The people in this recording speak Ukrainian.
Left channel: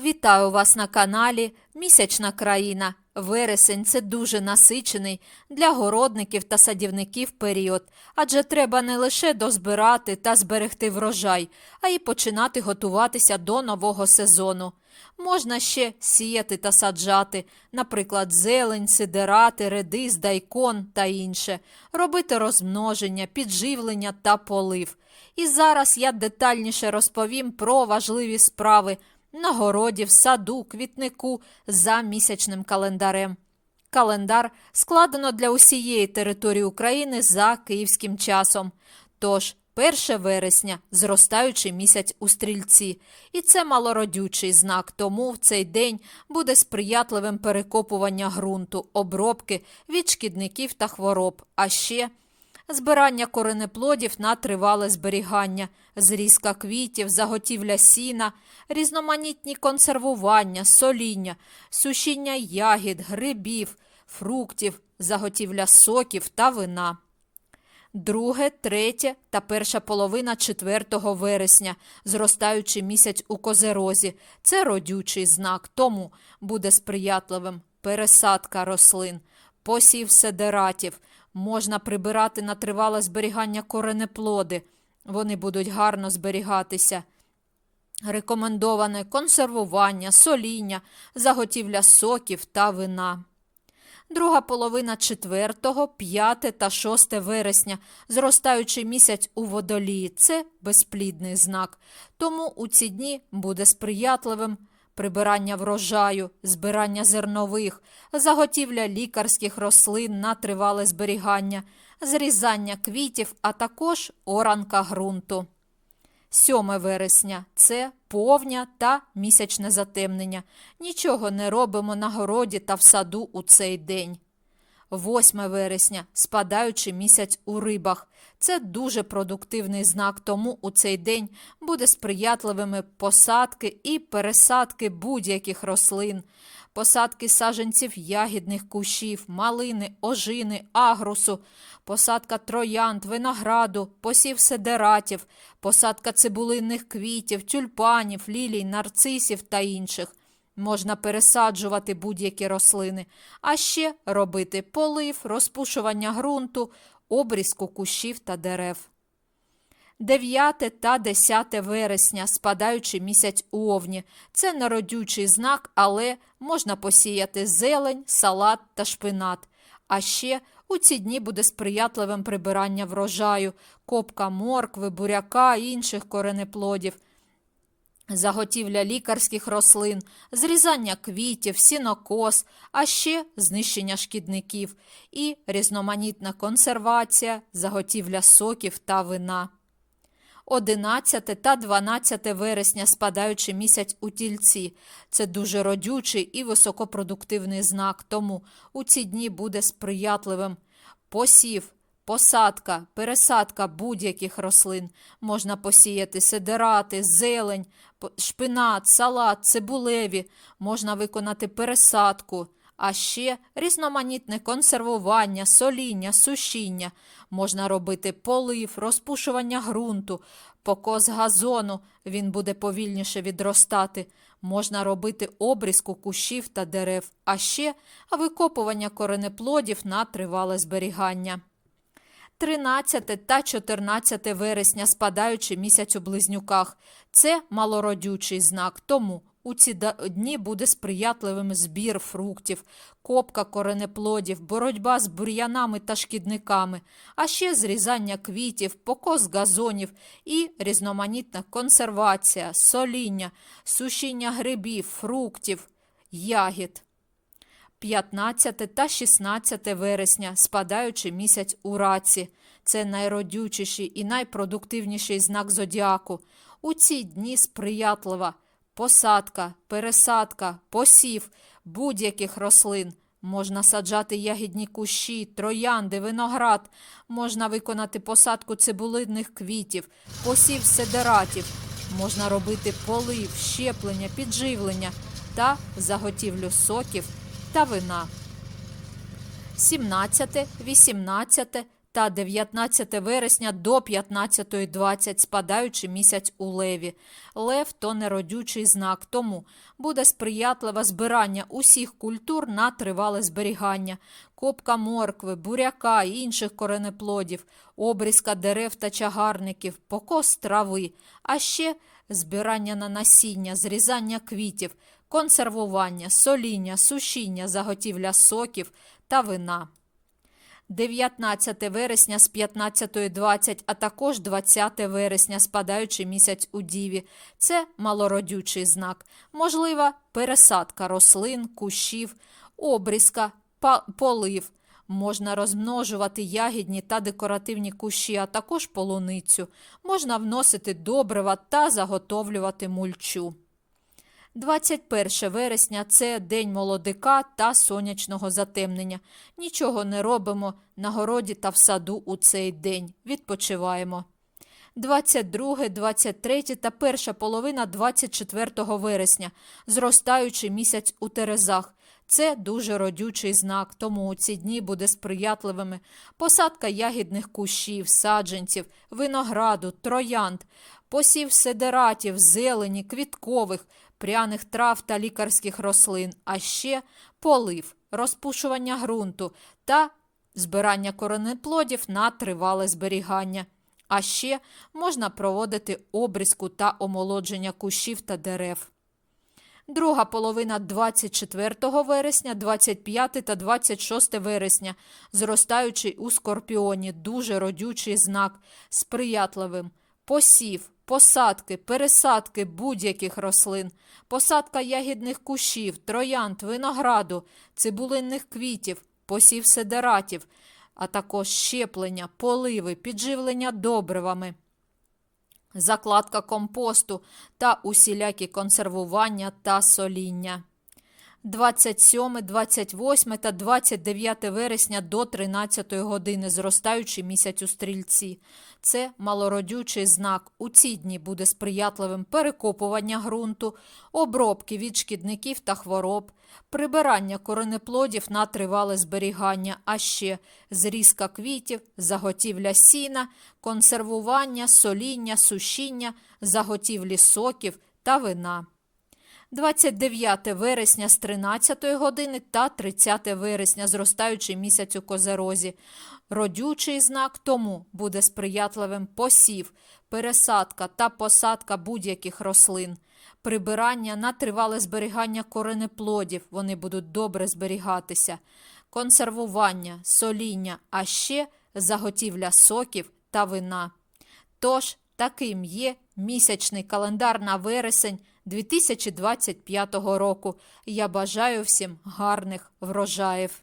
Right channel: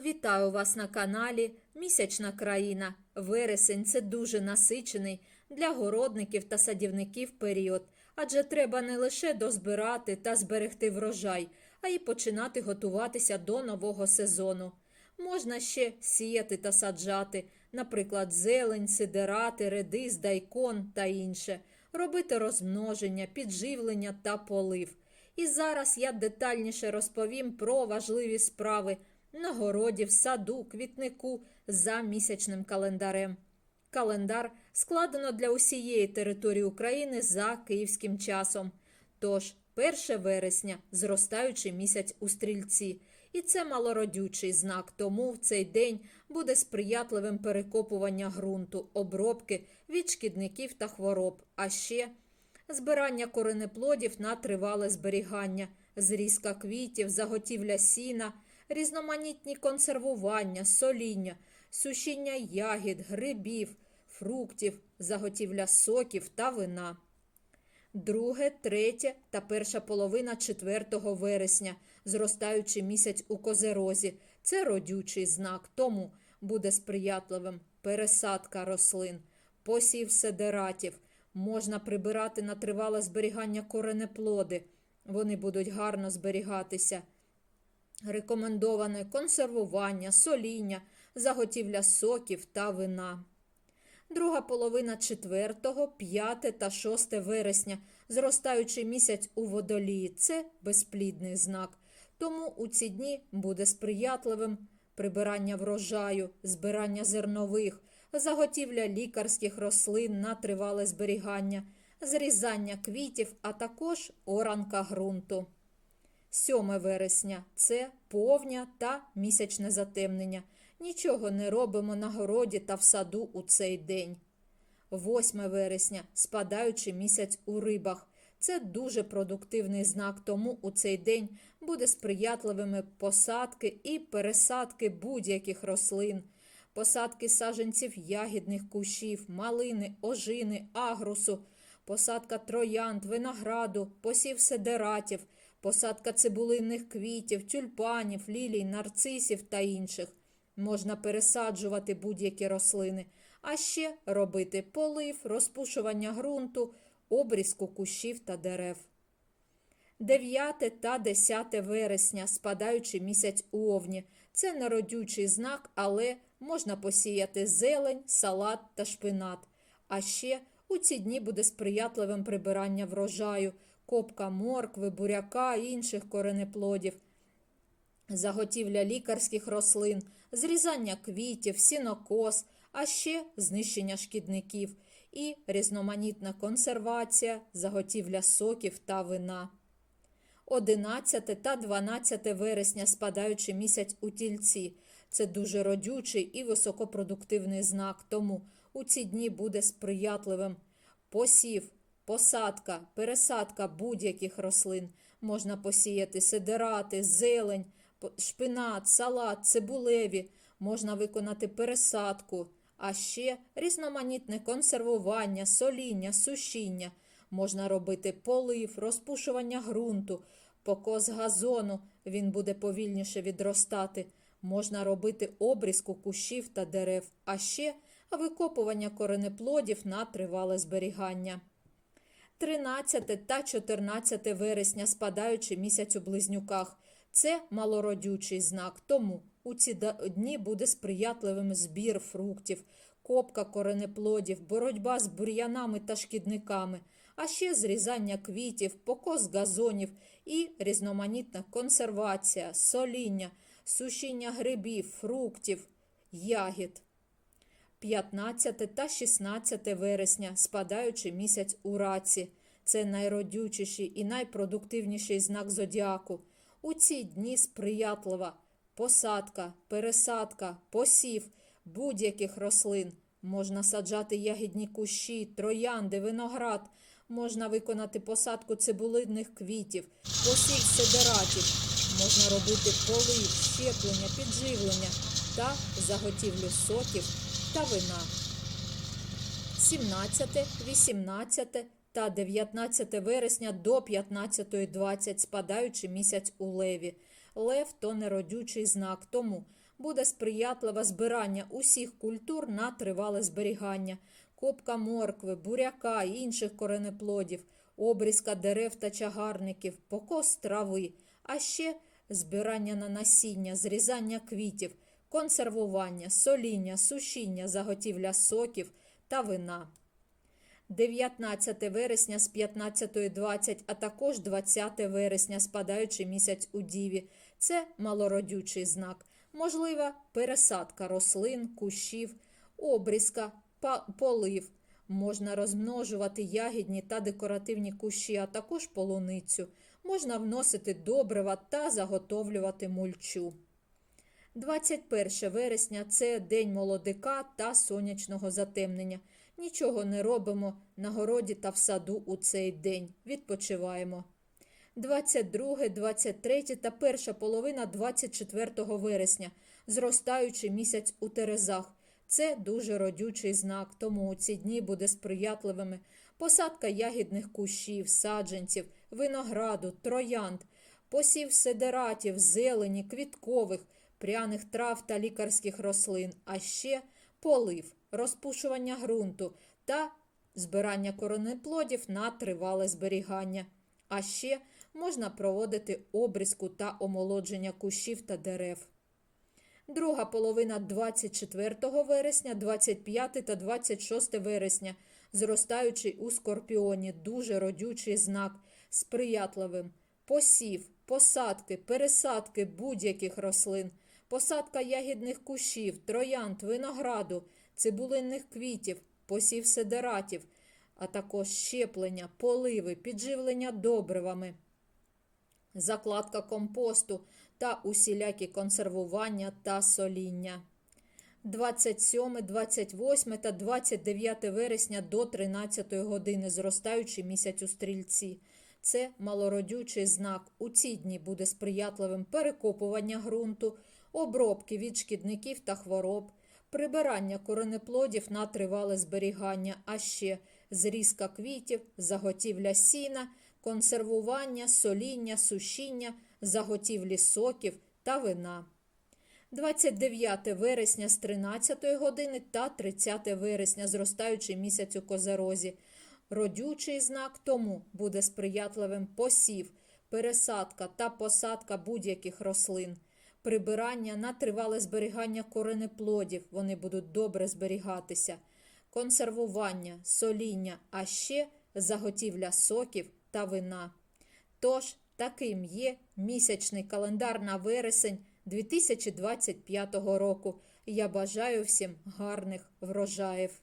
Вітаю вас на каналі Місячна країна. Вересень це дуже насичений для городників та садівників період, адже треба не лише дозбирати та зберегти врожай, а й починати готуватися до нового сезону. Можна ще сіяти та саджати, наприклад, зелень, сидирати, редис, дайкон та інше, робити розмноження, підживлення та полив. І зараз я детальніше розповім про важливі справи на городі, в саду, квітнику за місячним календарем. Календар складено для усієї території України за київським часом. Тож, 1 вересня зростаючий місяць у стрільці, і це малородючий знак, тому в цей день буде сприятливим перекопування ґрунту, обробки від шкідників та хвороб, а ще збирання коренеплодів на тривале зберігання, зрізка квітів, заготівля сіна, різноманітні консервування, соління, сушіння ягід, грибів, фруктів, заготівля соків та вина. Друге, третє та перша половина 4 вересня, зростаючий місяць у козерозі. Це родючий знак, тому буде сприятливим пересадка рослин, посів седератів. Можна прибирати на тривале зберігання коренеплоди. Вони будуть гарно зберігатися. Рекомендоване консервування, соління, заготівля соків та вина. Друга половина 4, 5 та 6 вересня, зростаючий місяць у водолії це безплідний знак. Тому у ці дні буде сприятливим прибирання врожаю, збирання зернових, заготівля лікарських рослин на тривале зберігання, зрізання квітів, а також оранка ґрунту. 7 вересня це повня та місячне затемнення. Нічого не робимо на городі та в саду у цей день. 8 вересня спадаючий місяць у рибах. Це дуже продуктивний знак, тому у цей день буде сприятливими посадки і пересадки будь-яких рослин, посадки саджанців ягідних кущів, малини, ожини, агрусу, посадка троянд, винограду, посів седератів, посадка цибулинних квітів, тюльпанів, лілій, нарцисів та інших. Можна пересаджувати будь-які рослини, а ще робити полив, розпушування ґрунту, обрізку кущів та дерев. 9 та 10 вересня, спадаючий місяць у овні. Це народючий знак, але можна посіяти зелень, салат та шпинат. А ще у ці дні буде сприятливим прибирання врожаю, копка моркви, буряка і інших коренеплодів, заготівля лікарських рослин, зрізання квітів, сінокос, а ще знищення шкідників і різноманітна консервація, заготівля соків та вина. 11 та 12 вересня спадаючий місяць у тільці. Це дуже родючий і високопродуктивний знак, тому у ці дні буде сприятливим посів, посадка, пересадка будь-яких рослин. Можна посіяти сидирати, зелень, шпинат, салат, цибулеві, можна виконати пересадку, а ще різноманітне консервування, соління, сушіння. Можна робити полив, розпушування ґрунту, покос газону, він буде повільніше відростати. Можна робити обрізку кущів та дерев, а ще викопування коренеплодів на тривале зберігання. 13 та 14 вересня спадаючий місяць у близнюках. Це малородючий знак, тому у ці дні буде сприятливим збір фруктів, копка коренеплодів, боротьба з бур'янами та шкідниками, а ще зрізання квітів, покос газонів і різноманітна консервація, соління, сушіння грибів, фруктів, ягід. 15 та 16 вересня, спадаючий місяць у раці. Це найродючіший і найпродуктивніший знак зодіаку. У ці дні сприятлива посадка, пересадка, посів будь-яких рослин. Можна саджати ягідні кущі, троянди, виноград, можна виконати посадку цибулинних квітів, посів седератів, можна робити полив, щеплення, підживлення та заготівлю соків та вина. 17, 18 та 19 вересня до 15.20, спадаючи місяць у леві. Лев то неродючий знак, тому буде сприятливе збирання усіх культур на тривале зберігання, копка моркви, буряка і інших коренеплодів, обрізка дерев та чагарників, покос трави, а ще збирання на насіння, зрізання квітів, консервування, соління, сушіння, заготівля соків та вина. 19 вересня з 15.20, а також 20 вересня, спадаючи місяць у Діві. Це малородючий знак. Можлива пересадка рослин, кущів, обрізка, полив. Можна розмножувати ягідні та декоративні кущі, а також полуницю. Можна вносити добрива та заготовлювати мульчу. 21 вересня це день молодика та сонячного затемнення. Нічого не робимо на городі та в саду у цей день. Відпочиваємо. 22, 23 та перша половина 24 вересня, зростаючий місяць у Терезах. Це дуже родючий знак, тому у ці дні буде сприятливими посадка ягідних кущів, саджанців, винограду, троянд, посів седератів, зелені, квіткових, пряних трав та лікарських рослин, а ще полив, розпушування ґрунту та збирання коренеплодів на тривале зберігання. А ще можна проводити обрізку та омолодження кущів та дерев. Друга половина 24 вересня, 25 та 26 вересня, зростаючий у скорпіоні, дуже родючий знак, сприятливим. Посів, посадки, пересадки будь-яких рослин, посадка ягідних кущів, троянд, винограду, цибулинних квітів, посів седератів, а також щеплення, поливи, підживлення добривами закладка компосту та усілякі консервування та соління. 27, 28 та 29 вересня до 13 години, зростаючий місяць у стрільці. Це малородючий знак. У ці дні буде сприятливим перекопування ґрунту, обробки від шкідників та хвороб, прибирання коренеплодів на тривале зберігання, а ще зрізка квітів, заготівля сіна, консервування, соління, сушіння, заготівлі соків та вина. 29 вересня з 13 години та 30 вересня, зростаючий місяць у козерозі. Родючий знак тому буде сприятливим посів, пересадка та посадка будь-яких рослин, прибирання на тривале зберігання коренеплодів, вони будуть добре зберігатися, консервування, соління, а ще заготівля соків та вина. Тож, таким є місячний календар на вересень 2025 року. Я бажаю всім гарних врожаїв.